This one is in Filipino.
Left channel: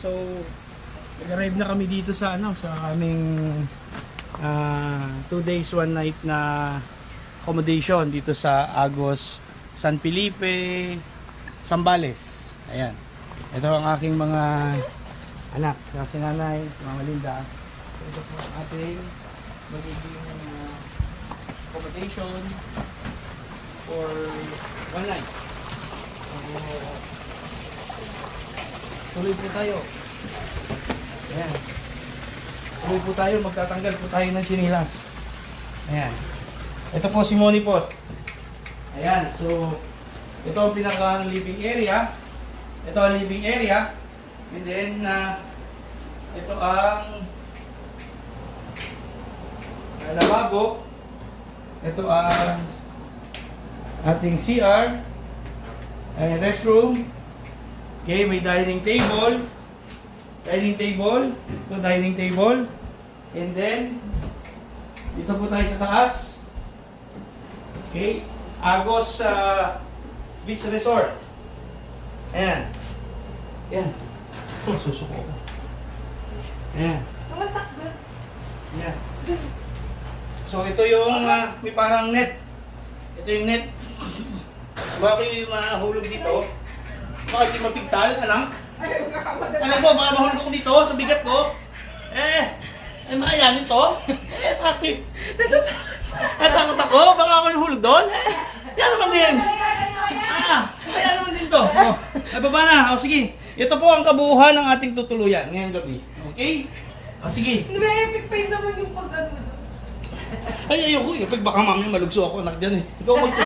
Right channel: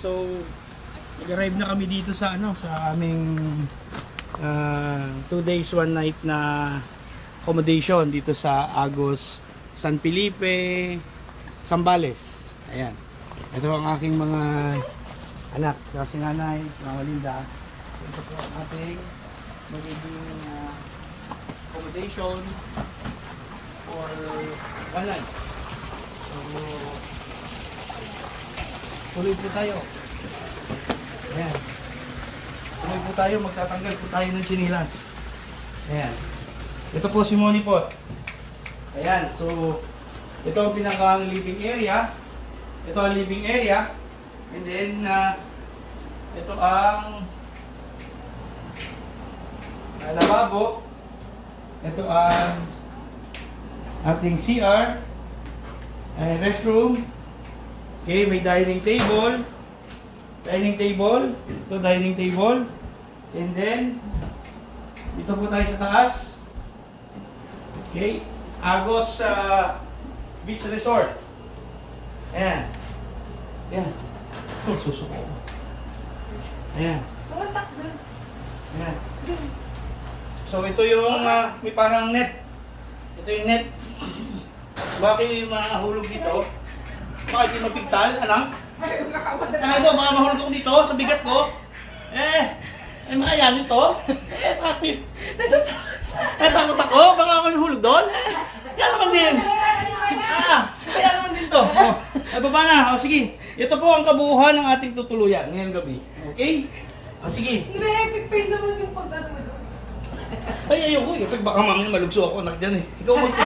So, nag-arrive na kami dito sa sa aming 2 days 1 night na accommodation dito sa Agos San Felipe, Zambales. Ayan. Ito ang aking mga anak, kasi nanay, mga Linda. Ito po ang ating magiging accommodation for 1 night. So, tuloy po tayo. Ayan. Tuloy po tayo, magtatanggal po tayo ng chinilas. Ayan. Ito po si Moni po. Ayan, so ito ang pinaka living area. Ito ang living area. And then ito ang lababo. Ito ang ating CR. Restroom. Okay, may dining table. Dining table. Ito dining table. And then dito po tayo sa taas. Okay, Agos Beach Resort. Ayan. Ayan. Susuko ko. Ayan. Ayan. So ito yung may parang net. Ito yung net. Bakit yung mahulog dito? Bakit yung mapigtal? Anong? Ano ko? Baka mahulog ako dito sa bigat ko. Ay maayanin to. Bakit? Natakot ako? Baka ako nahulog doon? Kaya naman din. Kaya naman din to. Ay, baba na. Sige. Ito po ang kabuuan ng ating tutuluyan ngayong gabi. Okay? Sige. Nire-epic pain naman yung pag-ano. Ay, ayoko. Baka mamaya malugso ako. Anak dyan eh. Ikaw mag-